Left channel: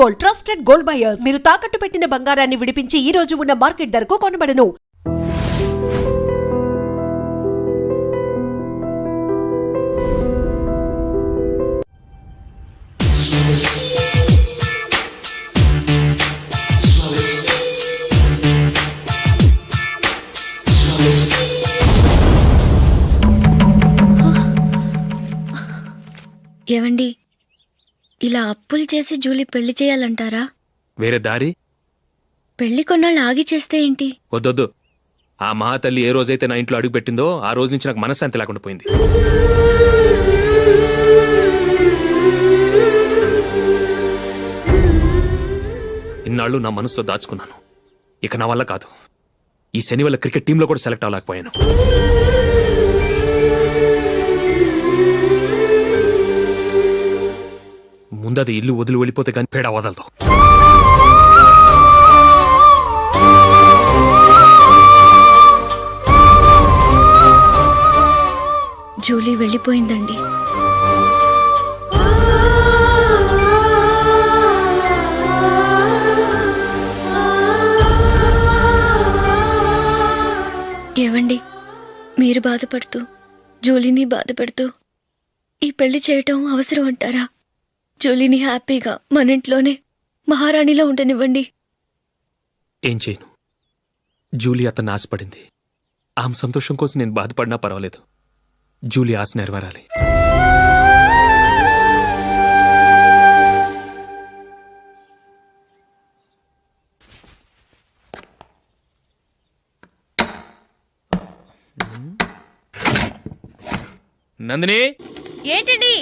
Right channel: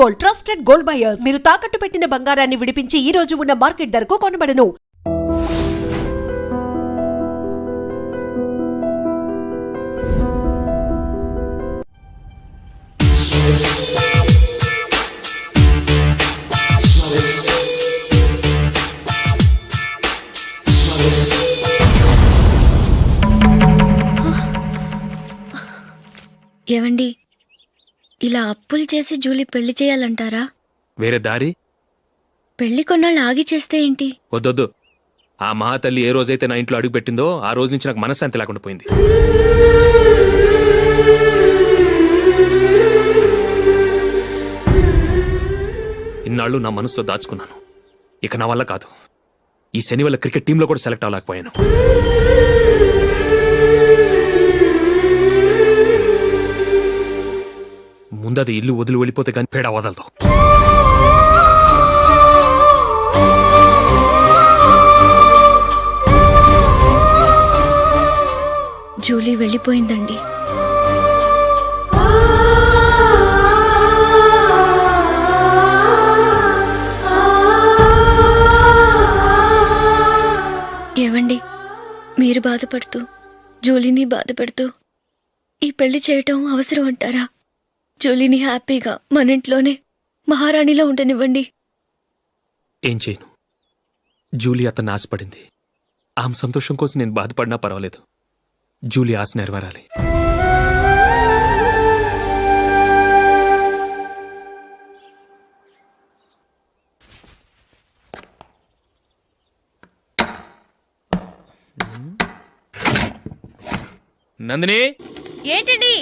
Gold, trusted gold buyers. మీరు తాకట్టు పెట్టిన బంగారాన్ని విడిపించి ఈ రోజు ఉన్న మార్కెట్ ధరకు కొనబడను. ఏవండి, ఇలా అప్పులు చేసి జూలీ పెళ్లి చేయాలంటారా? వేరే దారి? పెళ్లి కొన్నాళ్ళు ఆగి చేస్తే ఏంటి? వద్దొద్దు. ఆ మహాతల్లి ఏ రోజైతే నా ఇంట్లో అడుగు పెట్టిందో ఆ రోజు నుంచి నాకు మనశ్శాంతి లేకుండా పోయింది. ఇన్నాళ్ళు నా మనసులో దాచుకున్నాను. ఇక నా వల్ల కాదు. ఈ శని వల్ల క్రికెట్ టీంలో కూడా సెలెక్ట్ అవ్వలేకపోయాను. ముందది ఇల్లు వదిలి వెళ్ళిపోతే కానీ పేడ వదలదు. జూలీ వెళ్ళిపోయిందండి. ఏవండి, మీరు బాధపడుతూ జూలీని బాధపడుతూ ఈ పెళ్లి చేయటం అవసరం అంటారా? జూలీని హ్యాపీగా మన ఇంట్లోనే మహారాణిలో ఉండనివ్వండి. ఏం చేయను? జూలీ అతన్ని ఆశపడింది. ఆమె సంతోషం కోసం నేను బాధపడినా పర్వాలేదు. జూలీ ఆశ నెరవేరాలి. నందిని, ఏంటండి?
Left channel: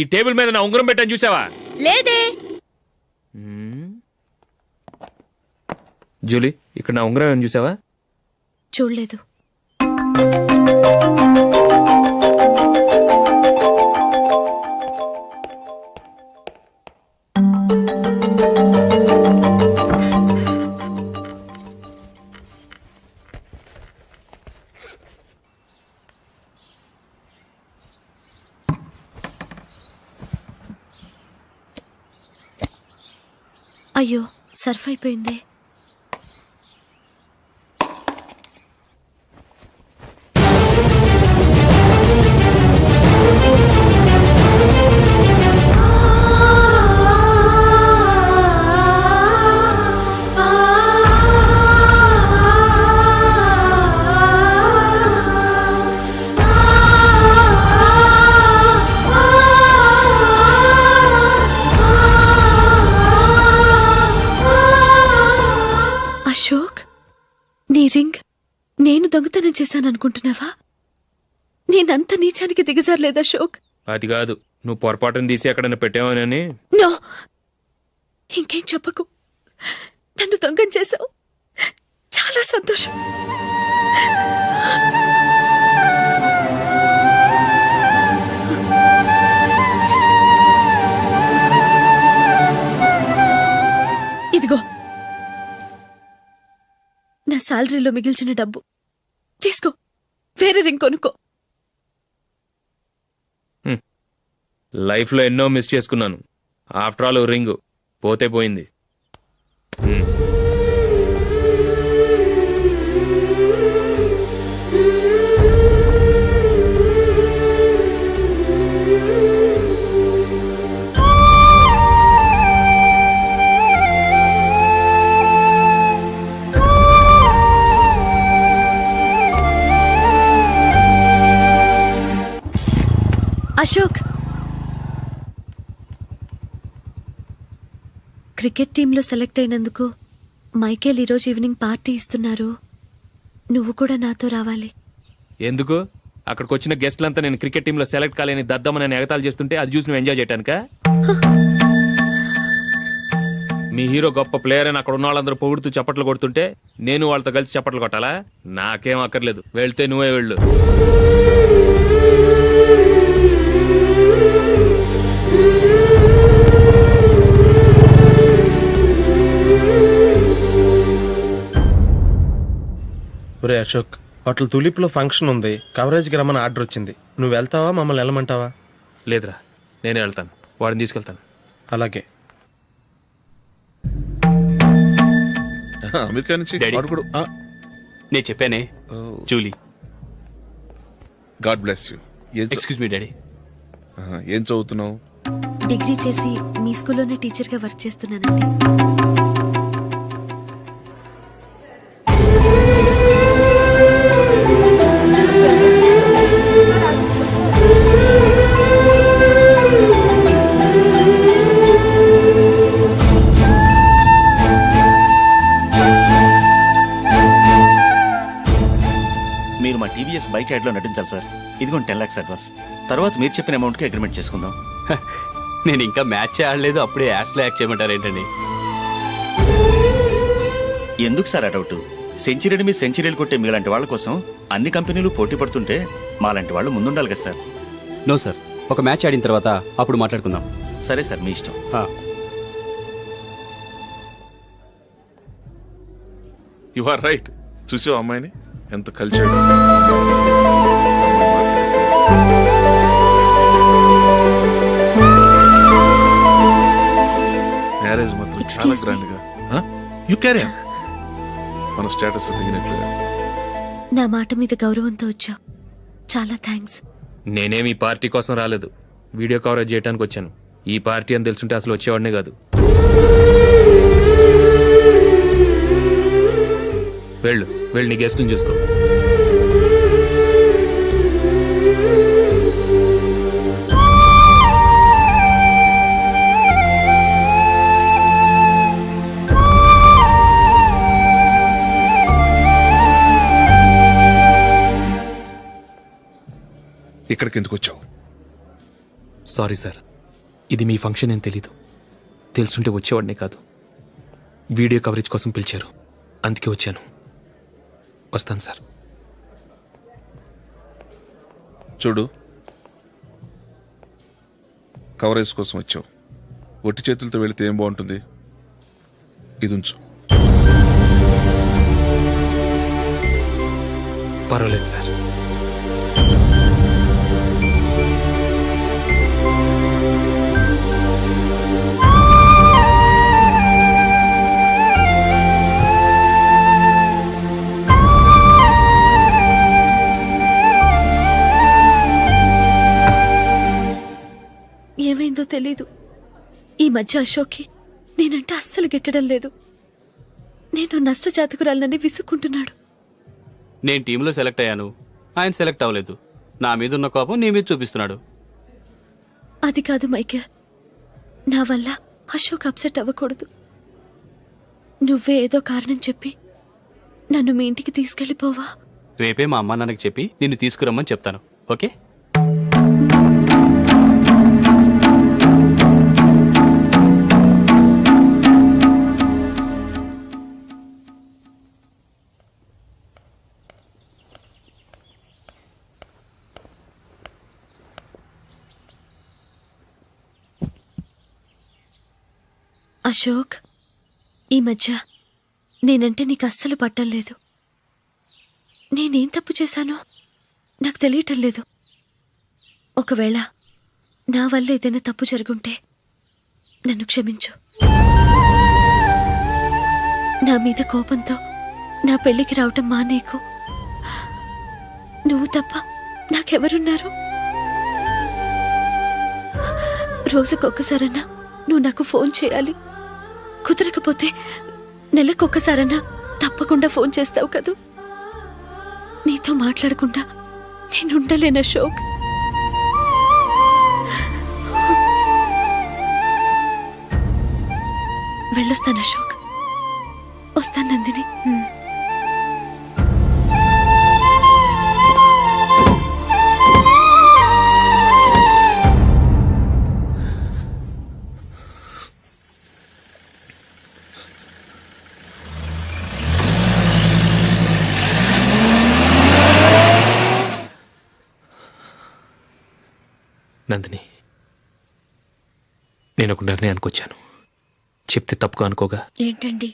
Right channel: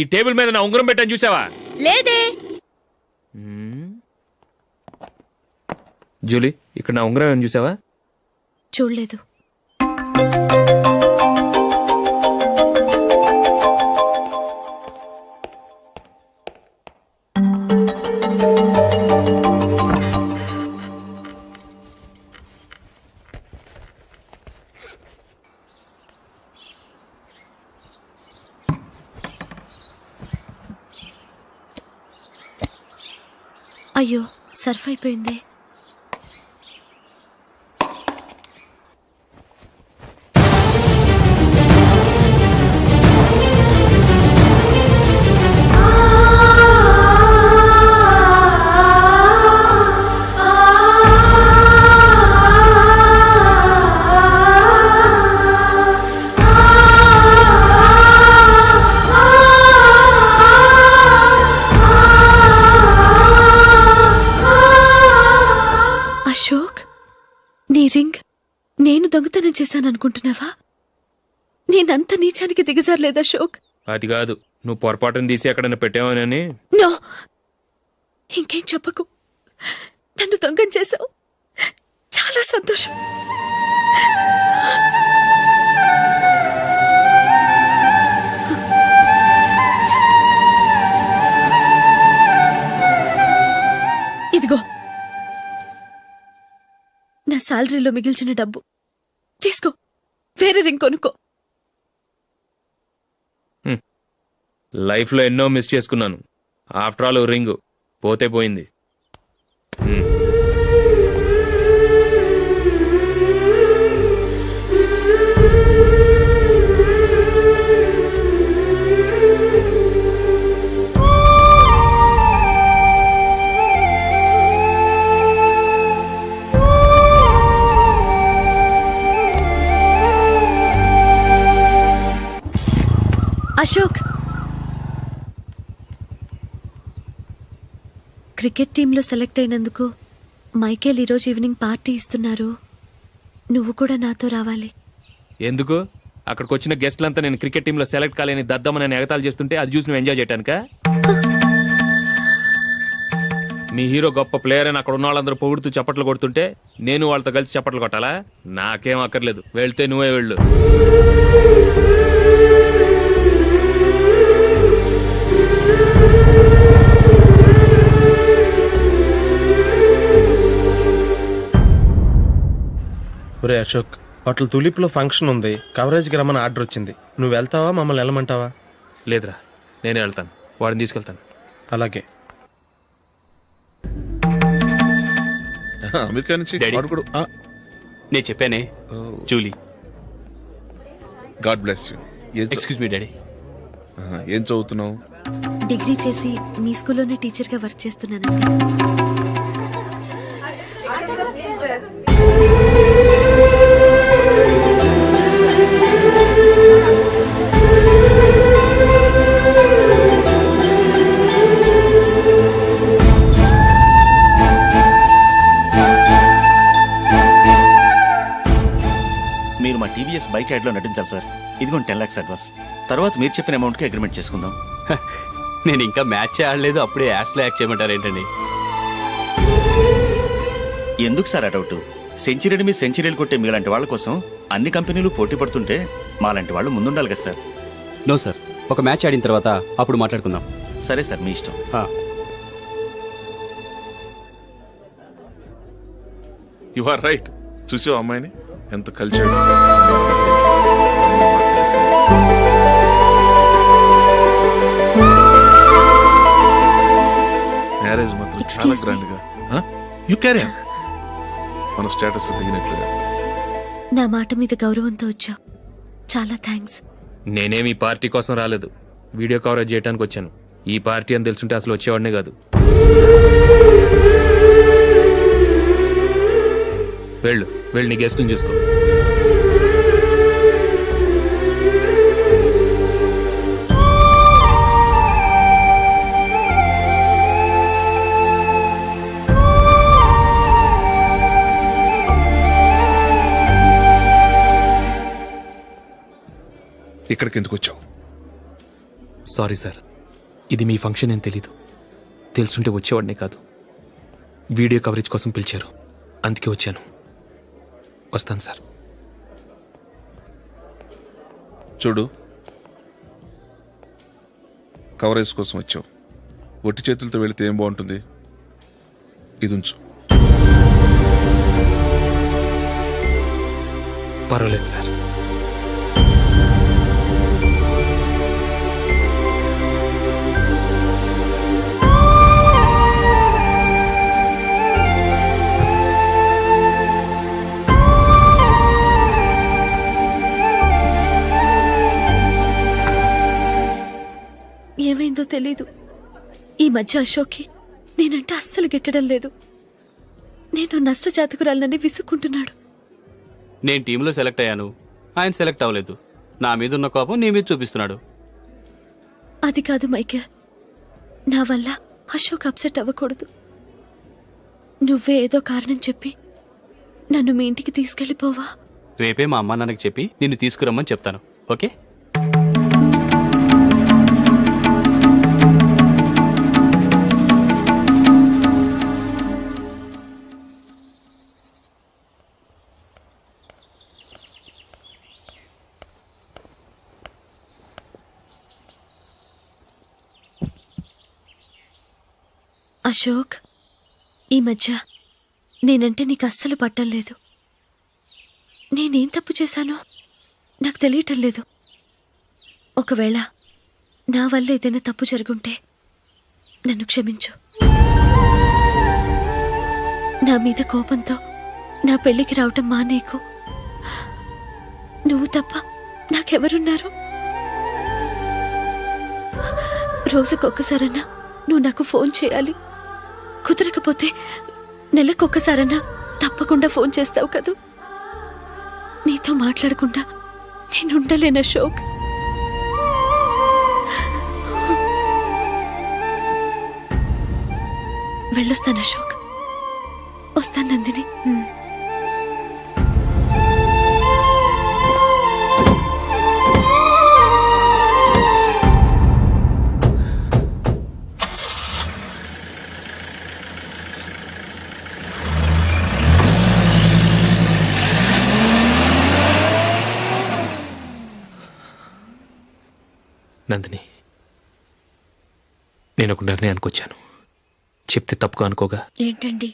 ఈ టేబుల్ మీద నా ఉంగరం పెట్టని చూసావా? లేదే. జూలీ, ఇక్కడ నా ఉంగరం ఏమని చూసావా? చూడలేదు. అయ్యో, సర్ఫ్ అయిపోయిందే. అశోక్, నీ రింగ్ నేను దొంగతనం చేశాననుకుంటున్నావా? నేనంత నీచానికి దిగజారలేదు అశోక్. అది కాదు, నువ్వు పొరపాటును తీసి ఎక్కడైనా పెట్టావని. నో, ఇంకేం చెప్పకు. నన్ను దొంగం చేశావు. చాలా సంతోషం. ఇదిగో నా శాలరీలో మిగిల్చిన డబ్బు తీసుకో. వేరే రింగ్ కొనుక్కో. లైఫ్లో ఎన్నో మిస్ చేసుకున్నాను. ఆఫ్టర్ ఆల్ రింగ్ పోతే పోయింది. అశోక్, క్రికెట్ టీంలో సెలెక్ట్ అయినందుకు మైకేల్ ఈరోజు ఈవినింగ్ పార్టీ ఇస్తున్నారు. నువ్వు కూడా నాతో రావాలి. ఎందుకు? అక్కడికి వచ్చిన గెస్ట్లంతా నేను క్రికెట్ టీంలో సెలెక్ట్ కాలేని దద్దమని ఎగతాలు చేస్తుంటే అది చూసి నువ్వు ఎంజాయ్ చేయటానికా? మీ హీరో గొప్ప ప్లేయర్ అని అక్కడ ఉన్న వాళ్ళందరూ పొగుడుతూ చప్పట్లు కొడుతుంటే నేను వాళ్ళతో కలిసి చప్పట్లు కొట్టాలా? నాకేం అక్కర్లేదు. వెళ్తే నువ్వే వెళ్ళు. ఒరే అశోక్, హోటల్ తులిప్లో ఫంక్షన్ ఉంది. కవరేజ్కి రమ్మని ఆర్డర్ వచ్చింది. నువ్వు వెళ్తావా, మమ్మల్ని వెళ్ళమంటావా? లేదురా, నేనే వెళ్తాను. వాడిని తీసుకెళ్తాను. అలాగే. అమెరికా నుంచి డాడీ. వాడు కూడా నేను చెప్పానే Julie. God bless you. Excuse me daddy. ఏం చదువుతున్నావు? డిగ్రీ చేసి మీ స్కూల్లోనే టీచర్గా వర్క్ చేస్తున్నానండి. మీరు మా టీవీఎస్ బైక్ యాడ్లో నటించాలి సార్. ఇదిగోండి 10 lakhs అడ్వాన్స్. తర్వాత మీరు చెప్పిన అమౌంట్కి అగ్రిమెంట్ చేసుకుందాం. నేను ఇంకా మ్యాచ్ ఆడలేదు, అప్పుడే యాడ్స్లో యాక్ట్ చేయమంటారు ఏంటండి? ఎందుకు సార్ ఆ డౌట్? సెంచరీని మీ సెంచరీలు కొట్టే మీలాంటి వాళ్ళ కోసం అన్ని కంపెనీలు పోటీ పడుతుంటే మాలాంటి వాళ్ళు ముందుండాలి కదా సార్. నో సార్, ఒక మ్యాచ్ ఆడిన తర్వాత అప్పుడు మాట్లాడుకుందాం. సరే సార్, మీ ఇష్టం. You are right. చూసావు అమ్మాయిని ఎంత కల్చర్డ్. మ్యారేజ్ మాత్రం చాలా Excuse me. గ్రాండ్ గా. యు క్యారీ మన స్టేటస్ తగినట్లుగా. నా మాట మీద గౌరవంతో వచ్చావు. చాలా థ్యాంక్స్. నేనేమి ఈ పార్టీ కోసం రాలేదు, వీడియో కవరేజ్ చేయడానికి వచ్చాను. ఈ పార్టీ అని తెలుసుంటే అసలు వచ్చేవాడినే కాదు. వెళ్ళు వెళ్ళి నీ గెస్ట్ని చూసుకో. ఇక్కడికి ఎందుకు వచ్చావు? సారీ సార్, ఇది మీ ఫంక్షన్ అని తెలీదు. తెలుసుంటే వచ్చేవాడినే కాదు. వీడియో కవరేజ్ కోసం పిలిచారు, అందుకే వచ్చాను. వస్తాను సార్. చూడు, కవరేజ్ కోసం వచ్చావు. ఒట్టి చేతులతో వెళితే ఏం బాగుంటుంది? ఇది ఉంచు. పర్వాలేదు సార్. ఏమైందో తెలీదు. ఈ మధ్య అశోక్కి నేనంటే అస్సలు గిట్టడం లేదు. నేను నష్టజాతకురాలనని విసుక్కుంటున్నాడు. నేను టీంలో సెలెక్ట్ అయ్యాను, ఆయన సెలెక్ట్ అవ్వలేదు. నా మీద ఉన్న కోపం నీ మీద చూపిస్తున్నాడు. అది కాదు మైకేల్, నా వల్ల అశోక్ అప్సెట్ అవ్వకూడదు. నువ్వే ఏదో కారణం చెప్పి నన్ను మీ ఇంటికి తీసుకెళ్ళిపోవా? రేపే మా అమ్మ నాన్నకి చెప్పి నిన్ను తీసుకురమ్మని చెప్తాను. ఓకే? అశోక్, ఈ మధ్య నేనంటే నీకు అస్సలు పట్టం లేదు. నేనేం తప్పు చేశానో నాకు తెలియటం లేదు. ఒకవేళ నా వల్ల ఏదైనా తప్పు జరుగుంటే నన్ను క్షమించు. నా మీద కోపంతో నా పెళ్లికి రావటం మానేకు. నువ్వు తప్ప నాకెవరున్నారు? రోజుకొక్కసారన్నా నువ్వు నాకు ఫోన్ చేయాలి. కుదరకపోతే నెలకొక్కసారన్నా తప్పకుండా ఫోన్ చేస్తావు కదూ. నీతో మాట్లాడకుండా నేనుండలేను అశోక్. వెళ్ళొస్తాను అశోక్. వస్తాను నందిని. నందిని, నేను ఒక నిర్ణయానికి వచ్చాను. చెప్తే తప్పుగా అనుకోగా. ఏంటండి?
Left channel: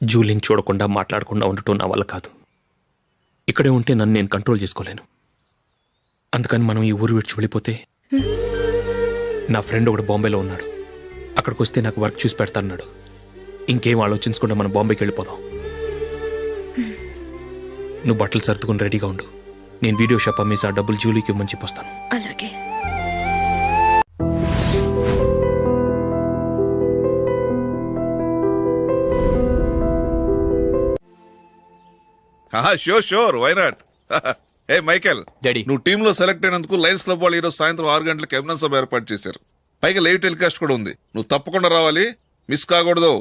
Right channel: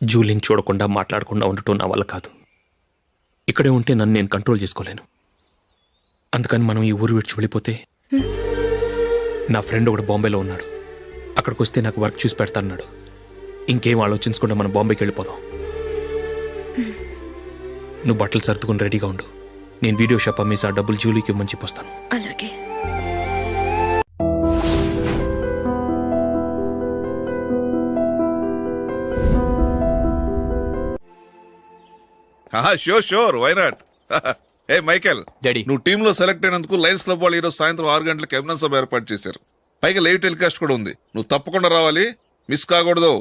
జూలీని చూడకుండా మాట్లాడకుండా ఉండటం నా వల్ల కాదు. ఇక్కడే ఉంటే నన్ను నేను కంట్రోల్ చేసుకోలేను. అందుకని మనం ఈ ఊరు విడిచి వెళ్ళిపోతే, నా ఫ్రెండ్ ఒకడు బాంబేలో ఉన్నాడు, అక్కడికి వస్తే నాకు వర్క్ చూసి పెడతాన్నాడు. ఇంకేం ఆలోచించకుండా మనం బాంబేకి వెళ్ళిపోదాం. నువ్వు బట్టలు సర్దుకుని రెడీగా ఉండు. నేను వీడియో షాప్ అమ్మేసి ఆ డబ్బులు జూలీకి ఇవ్వమని చెప్పొస్తాను. అలాగే. Sure why not. ఏ మైకేల్, డాడీ. నువ్వు టీంలో సెలెక్ట్ అయినందుకు లయన్స్ క్లబ్ వాళ్ళు ఈరోజు సాయంత్రం 6 గంటలకు అభినందన సభ ఏర్పాటు చేశారు. పైగా లైవ్ టెలికాస్ట్ కూడా ఉంది. నువ్వు తప్పకుండా రావాలి, మిస్ కాకూడదు.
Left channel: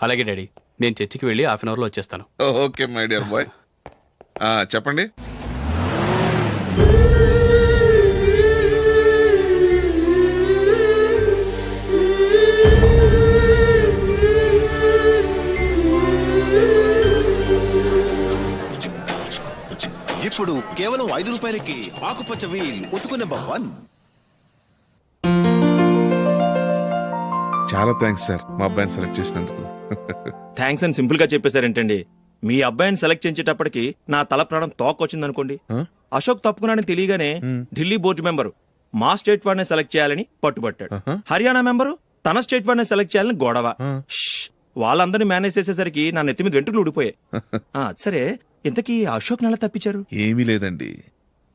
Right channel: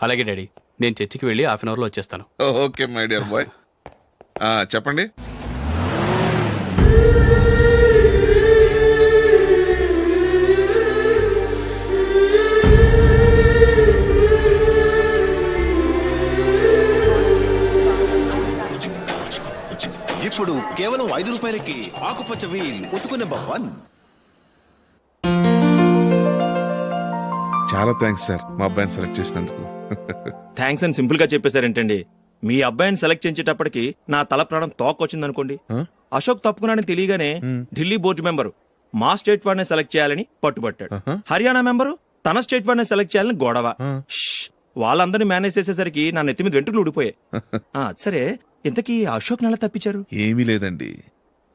అలాగే డాడీ, నేను చర్చికి వెళ్ళి హాఫ్ అన్ అవర్లో వచ్చేస్తాను. Okay my dear bye. చెప్పండి. ఇప్పుడు కేవలం 5 రూపాయలకి ఆకుపచ్చ వీల్ ఉతుకు నెంబర్ 1. చాలా థ్యాంక్స్ సార్ మా అబ్బాయిని సెలెక్ట్ చేసినందుకు. థ్యాంక్స్ అని సింపుల్ గా చెప్పేశారేంటండి. మీ అబ్బాయిని సెలెక్ట్ చేసేటప్పటికి నా తల ప్రాణం తోకొచ్చిందనుకోండి. అశోక్ తప్పుకున్నాడని తెలియగానే ఢిల్లీ బోర్డు మెంబరు మా స్టేట్ వాడిని సెలెక్ట్ చేయాలని పట్టుబట్టాడు. హర్యానా మెంబరు తన స్టేట్ వాడిని సెలెక్ట్ చేయాలని గొడవ. వాళ్ళందరినీ మేనేజ్ చేసేసరికి నా నెత్తి మీద వెంట్రుకలు ఊడిపోయాయి. సరే, ఇంతకీ అశోక్ నెల తప్పించారు? ఏమీ లేదండి.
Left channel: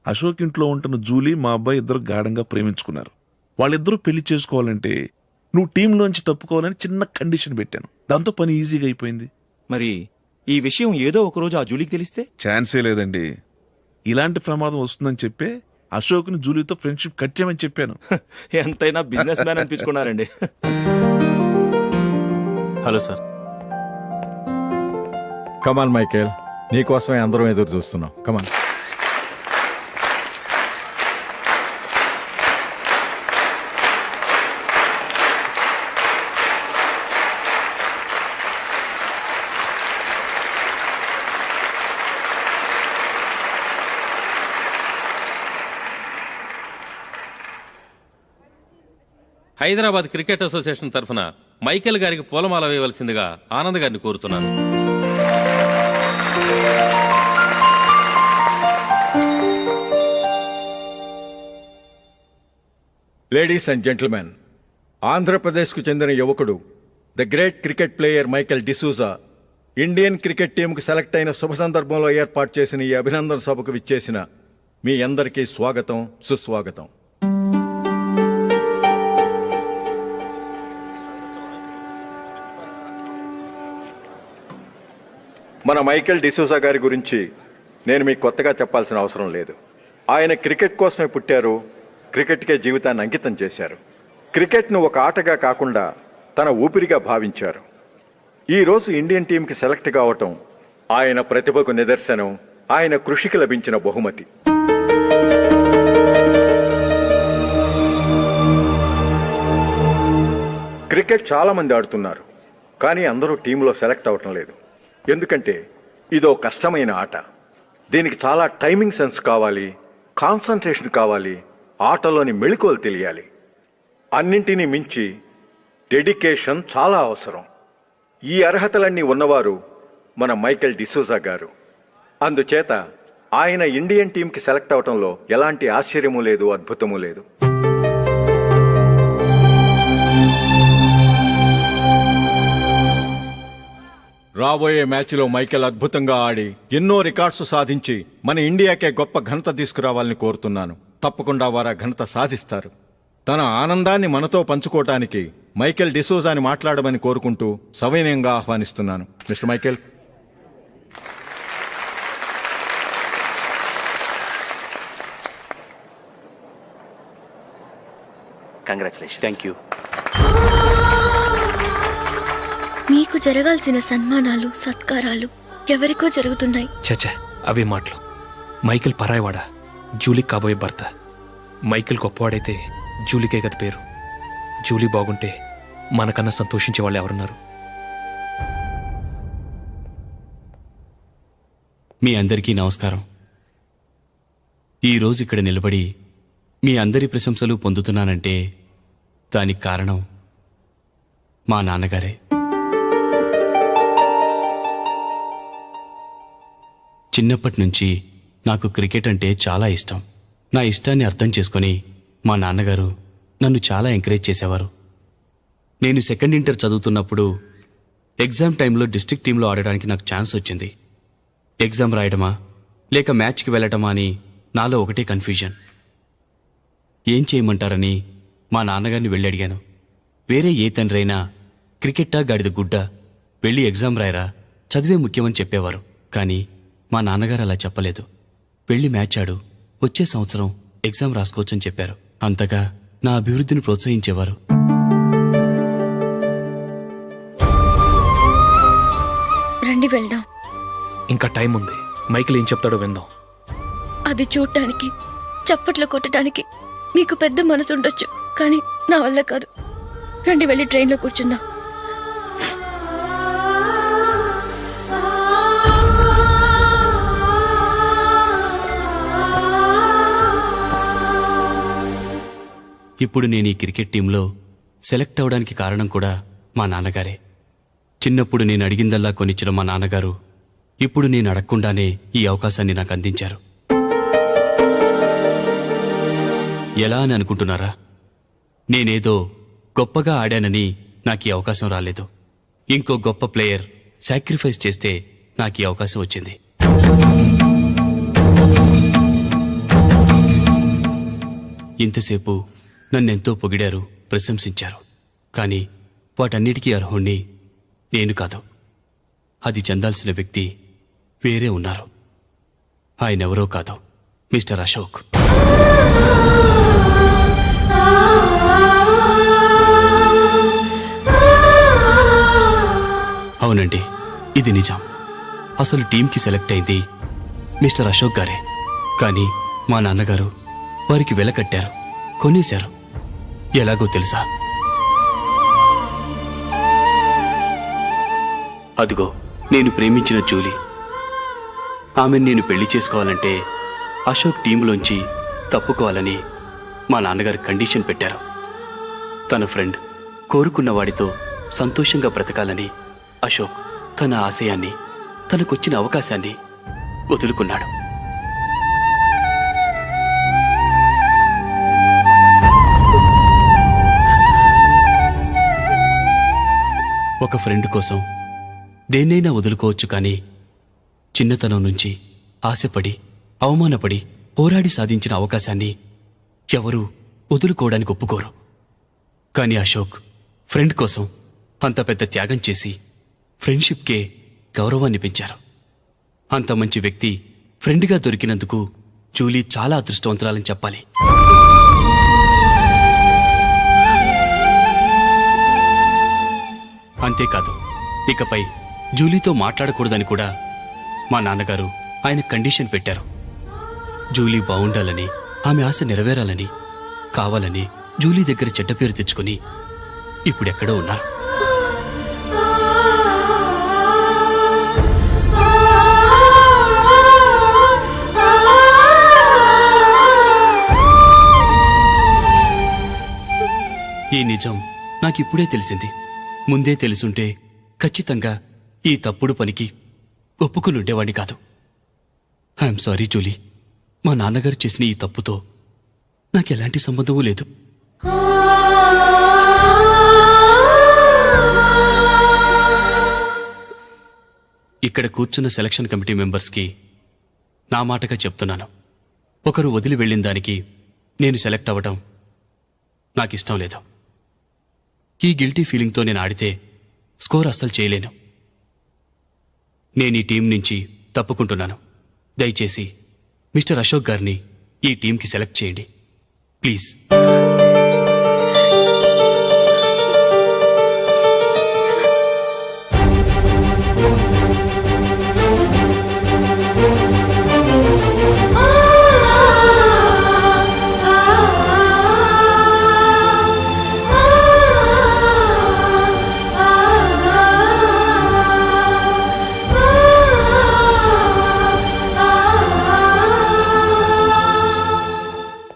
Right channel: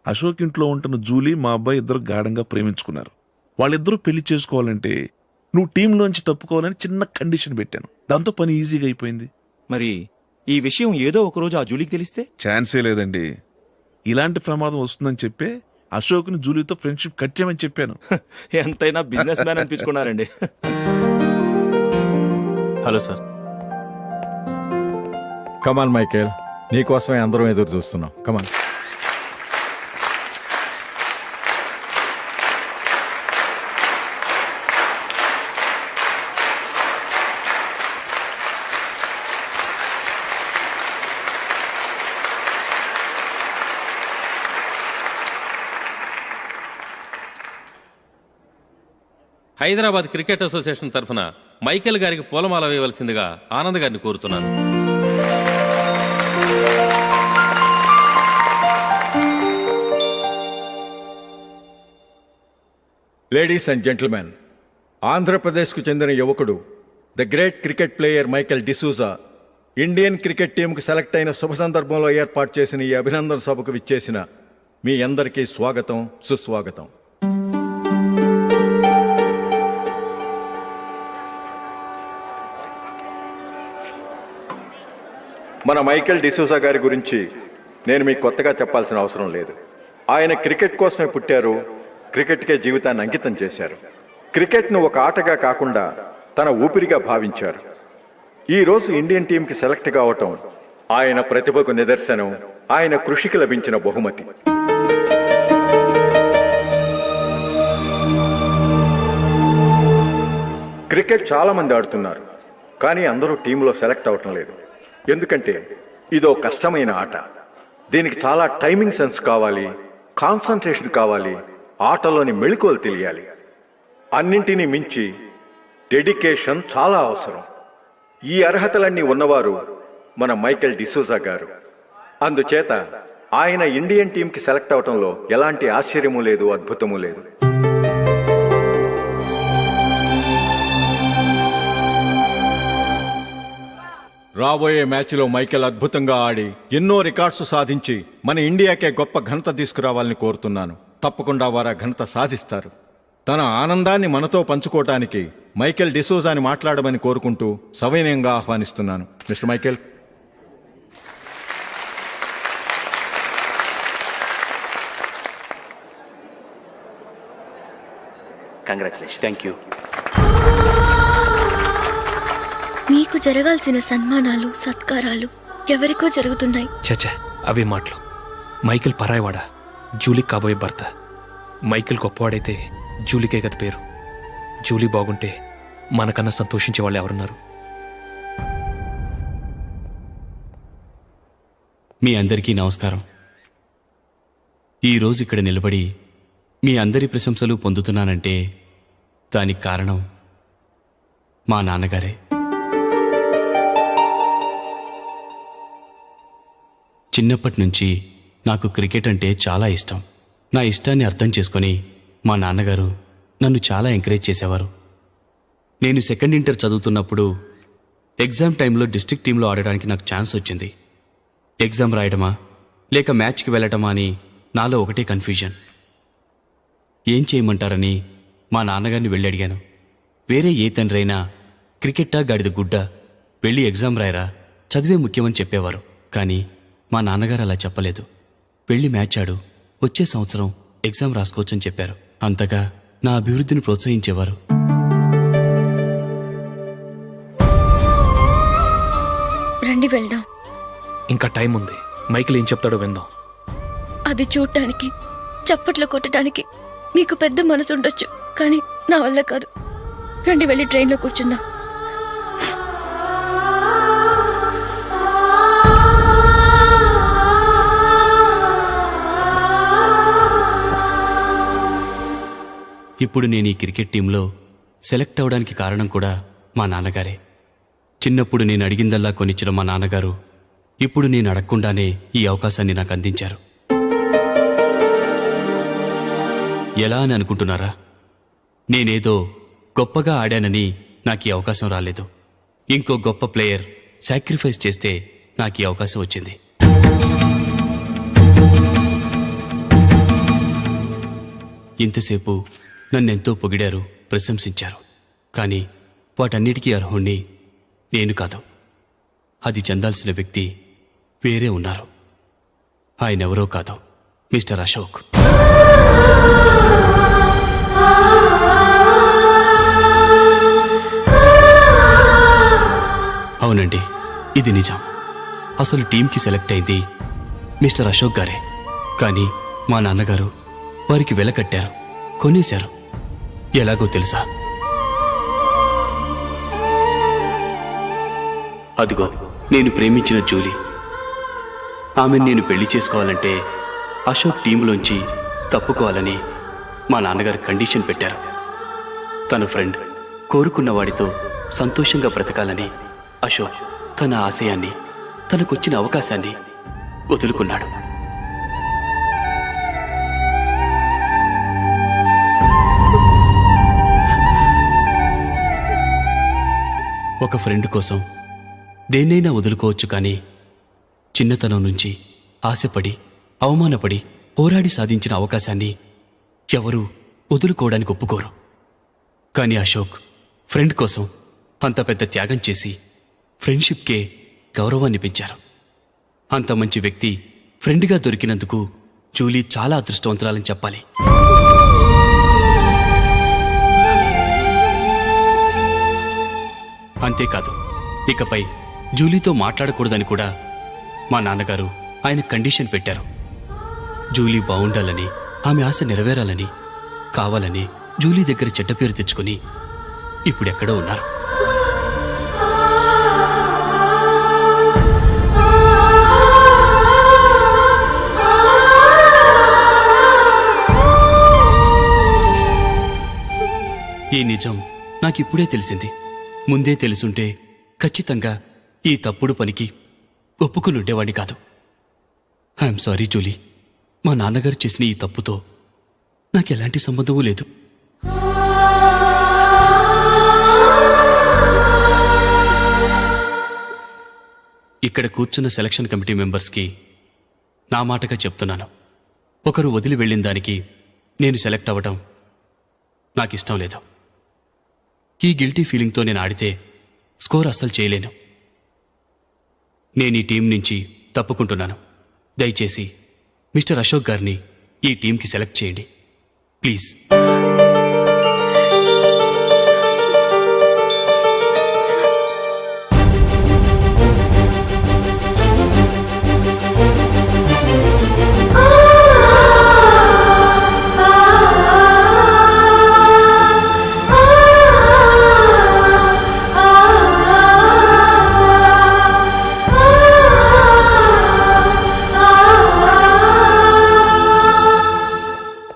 అశోక్ ఇంట్లో ఉంటున్న జూలీ మా అబ్బాయి ఇద్దరు గాఢంగా ప్రేమించుకున్నారు. వాళ్ళిద్దరూ పెళ్లి చేసుకోవాలంటే నువ్వు టీంలోంచి తప్పుకోవాలని చిన్న కండిషన్ పెట్టాను. దాంతో పని ఈజీగా అయిపోయింది. మరి ఈ విషయం ఏదో ఒక రోజు ఆ జూలీకి తెలిస్తే? ఛాన్సే లేదండి. ఇలాంటి ప్రమాదం వస్తుందని చెప్పే అశోక్ని జూలీతో ఫ్రెండ్షిప్ కట్ చేయమని చెప్పాను. ఎంతైనా బిజినెస్ మ్యాన్ అనిపించుకున్నారండి. Hello sir. కమాన్ మైకేల్, నీకోసమే అందరం ఎదురు చూస్తున్నాం. కమాన్. హైదరాబాద్ క్రికెట్ అసోసియేషన్ తరఫున మైకేల్ గారికి పూలమాల వేయవలసిందిగా ఆనంద్ గారిని కోరుతున్నాను. లేడీస్ అండ్ జెంటిల్మెన్, ఆంధ్రప్రదేశ్కు చెందిన యువకుడు the great cricket player Michael D'Souza Indian cricket టీంకు సెలెక్ట్ అయిన శుభ సందర్భంలో ఏర్పాటు చేసిన ఈ అభినందన సభకు విచ్చేసిన మీ అందరికీ స్వాగతం, సుస్వాగతం. మన మైకేల్ డిసూజా గారి గురించి నేను మీకు కొత్తగా చెప్పాల్సిన అవసరం లేదు. ఆయన క్రికెట్ కోసమే పుట్టారు, క్రికెట్కే జీవితాన్ని అంకితం చేశారు. క్రికెట్ను ఒక ఆటగా కాకుండా తన ఊపిరిగా భావించారు. ఈరోజు ఇండియన్ టీంకి సెలెక్ట్ కావటం ఆయన ప్రతిభకు నిదర్శనం, ఆయన కృషికి లభించిన బహుమతి. క్రికెట్ చాలా మంది ఆడుతున్నారు, కానీ అందరూ టీంలో సెలెక్ట్ అవటం లేదు. ఎందుకంటే ఇదో కష్టమైన ఆట. దీనికి చాలా టైమింగ్ సెన్స్ కావాలి, కాన్సంట్రేషన్ కావాలి, ఆటలోని మెళకువలు తెలియాలి. అన్నింటినీ మించి డెడికేషన్ చాలా అవసరం. ఈ అర్హతలన్నీ ఉన్నవారు మన మైకేల్ డిసూజా గారు. అందుచేత ఆయన ఇండియన్ టీంకి సెలెక్ట్ అవటంలో ఎలాంటి ఆశ్చర్యమూ లేదు, అద్భుతమూ లేదు. రాబోయే మ్యాచ్లో మైకేల్ అద్భుతంగా ఆడి ఎన్నో రికార్డ్స్ సాధించి మన ఇండియాకే గొప్ప ఘనత తీసుకురావాలని కోరుతున్నాను. తప్పకుండా వారు ఆ ఘనత సాధిస్తారు. తన ఆనందాన్ని మనతో పంచుకోవటానికి మైకేల్ డిసూజాని మాట్లాడమని కోరుకుంటూ సవినయంగా ఆహ్వానిస్తున్నాను. Mister Michael. Congratulation. Thank you. మీకు జరగాల్సిన సన్మానాలు, సత్కారాలు ఎవరికో జరుగుతున్నాయి. చచ్చా, అవే మాటలు. మైకేల్ పరాయవాడా, జూలీకి కాబోయే భర్త. మైకేల్ గొప్పవాడైతే జూలీకే కదా పేరు. జూలీ బాగుంటే మనకన్నా సంతోషించే వాళ్ళు ఎవరున్నారు? మీ అందరికీ నమస్కారం. ఈరోజు ఇక్కడ నిలబడి మీ అందరి ప్రశంసలు పొందుతున్నానంటే దానికి కారణం మా నాన్నగారే. చిన్నప్పటి నుంచి నాకు క్రికెట్ అంటే చాలా ఇష్టం. నా ఇష్టాన్ని అర్థం చేసుకొని మా నాన్నగారు నన్ను చాలా ఎంకరేజ్ చేసేవారు. నేను సెకండ్ ఇంటర్ చదువుతున్నప్పుడు ఎగ్జామ్ టైంలో డిస్ట్రిక్ట్ టీంలో ఆడడానికి నాకు ఛాన్స్ వచ్చింది. ఎగ్జామ్ రాయడమా, లేక మ్యాచ్కి వెళ్ళటమా అని నాలో ఒకటే కన్ఫ్యూజన్. ఏం చేయమంటారని మా నాన్నగారిని వెళ్ళి అడిగాను. వేరే ఏ తండ్రైనా క్రికెట్టా గాడిద గుడ్డ, వెళ్ళి ఎగ్జామ్ రాయరా, చదివే ముఖ్యమని చెప్పేవారు. కానీ మా నాన్నగారు అలా చెప్పలేదు. వెళ్ళి మ్యాచ్ ఆడు, వచ్చే సంవత్సరం ఎగ్జామ్ రాసుకోవచ్చని చెప్పారు. అంతగా నా అభివృద్ధిని ప్రోత్సహించేవారు. రండి వెళ్దాం. ఇంకా టైం ఉంది. మైకిల్ ఏం చెప్తాడో విందాం. అది చూడటానికి, చప్పట్లు కొట్టడానికి మీకు పెద్ద మనసు ఉండొచ్చు, కానీ నా వల్ల కాదు. రండి వెళ్ళి ట్రైన్లో కూర్చుందాం. ఇప్పుడు నేను ఈ క్రికెట్ టీంలో సెలెక్ట్ అవడానికి కారణం కూడా మా నాన్నగారే. చిన్నప్పుడు నేను అడిగిందల్లా కొనిచ్చిన మా నాన్నగారు ఇప్పుడు నేను అడగకుండానే ఈ అవకాశాన్ని నాకు అందించారు. ఎలా అని అనుకుంటున్నారా? నేనేదో గొప్పగా ఆడానని నాకు ఈ అవకాశం రాలేదు. ఇంకో గొప్ప ప్లేయర్ సాక్రిఫైస్ చేస్తే నాకు ఈ అవకాశం వచ్చింది. ఇంతసేపు నన్నెంతో పొగిడారు, ప్రశంసించారు. కానీ వాటన్నిటికీ అర్హుణ్ణి నేను కాదు. అది చెందాల్సిన వ్యక్తి వేరే ఉన్నారు. ఆయనెవరో కాదు, మిస్టర్ అశోక్. అవునండి, ఇది నిజం. అసలు టీంకి సెలెక్ట్ అయింది మిస్టర్ అశోక్ గారే. కానీ మా నాన్నగారు వారికి వెల కట్టారు, కొనేశారు. ఎలాగో తెలుసా? అదిగో నేను ప్రేమించిన జూలీ. ఆమెను నేను పెళ్లి చేసుకోవాలంటే అశోక్ టీంలోంచి తప్పుకోవాలని మా నాన్నగారు కండిషన్ పెట్టారు. తన ఫ్రెండ్ కోరుకున్న వాడితో సంతోషంగా బ్రతకాలని అశోక్ తన ఆశయాన్ని, తనకొచ్చిన అవకాశాన్ని వదులుకున్నాడు. ఒక ఫ్రెండ్ కోసం దేన్నైనా వదులుకోవచ్చు, కానీ చిన్నతనం నుంచి ఆశపడి, అవమానపడి, పోరాడి సాధించిన అవకాశాన్ని ఎవరూ వదులుకోవడానికి ఒప్పుకోరు. కానీ అశోక్ ఫ్రెండ్ కోసం అంత పెద్ద త్యాగం చేసి ఫ్రెండ్షిప్కే గౌరవాన్ని పెంచారు. అంత మంచి వ్యక్తి ఫ్రెండ్గా దొరికినందుకు జూలీ చాలా అదృష్టవంతురాలని చెప్పాలి. అంతేకాదు, ఇకపై జూలీతో మాట్లాడకూడదని కూడా మా నాన్నగారు ఆయన కండిషన్ పెట్టారు. జూలీ బావుండాలని, ఆమె ఆశ నెరవేరాలని, కావాలని జూలీ దగ్గర చెడ్డ పేరు తెచ్చుకుని ఇప్పుడెక్కడో ఉన్నారు. ఈ నిజం నాకిప్పుడే తెలిసింది. ముందే తెలుసుంటే ఖచ్చితంగా ఈ తప్పుడు పనికి ఒప్పుకుని ఉండేవాడిని కాదు. I'm sorry Julie. మా నాన్నగారు చేసిన ఈ తప్పుతో నాకెలాంటి సంబంధమూ లేదు. ఇక్కడ కూర్చున్న సెలక్షన్ కమిటీ మెంబర్స్కి నా మాటగా చెప్తున్నాను. ఒకరు వదిలి వెళ్ళిన దానికి నేను సెలెక్ట్ అవ్వడం నాకిష్టం లేదు. ఈ గిల్టీ ఫీలింగ్తో నేను ఆడితే స్కోర్ అస్సలు చేయలేను. నేను ఈ టీం నుంచి తప్పుకుంటున్నాను. దయచేసి మిస్టర్ అశోక్ గారిని ఈ టీంకి సెలెక్ట్ చేయండి ప్లీజ్.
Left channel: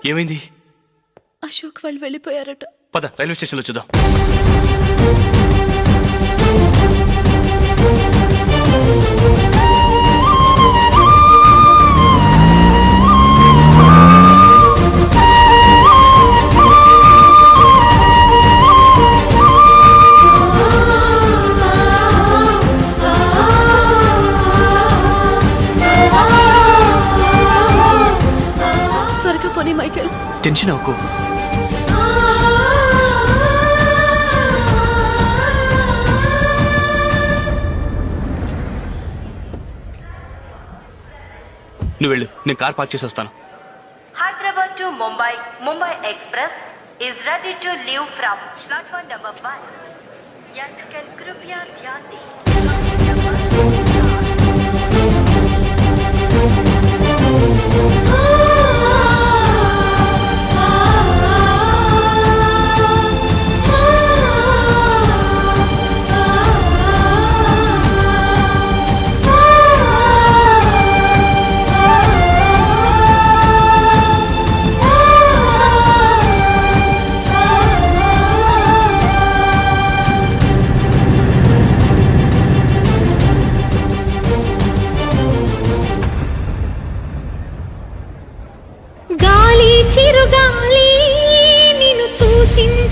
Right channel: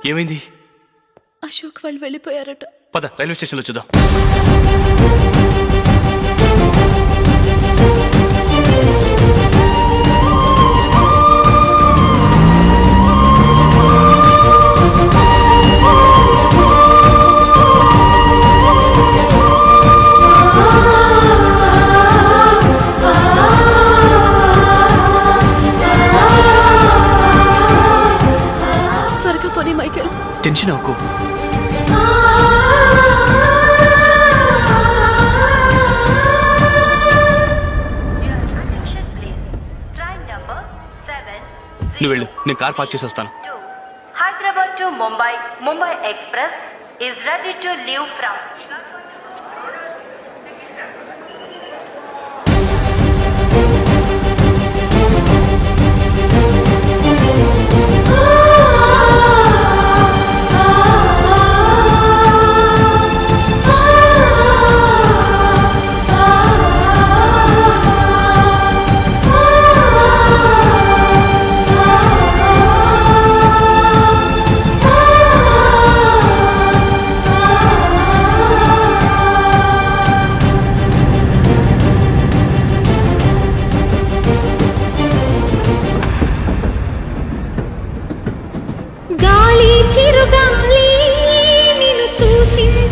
ఏమైంది? అశోక్ వాళ్ళు వెళ్ళిపోయారట. పద రైల్వే స్టేషన్లో చూద్దాం. టెన్షన్ అవ్వకు. నువ్వు వెళ్ళు, నేను కార్ పార్క్ చేసి వస్తాను. Hyderabad to Mumbai, Mumbai Express is ready to leave from platform number 1. గాలి చిరుగాలి నిన్ను చూసింది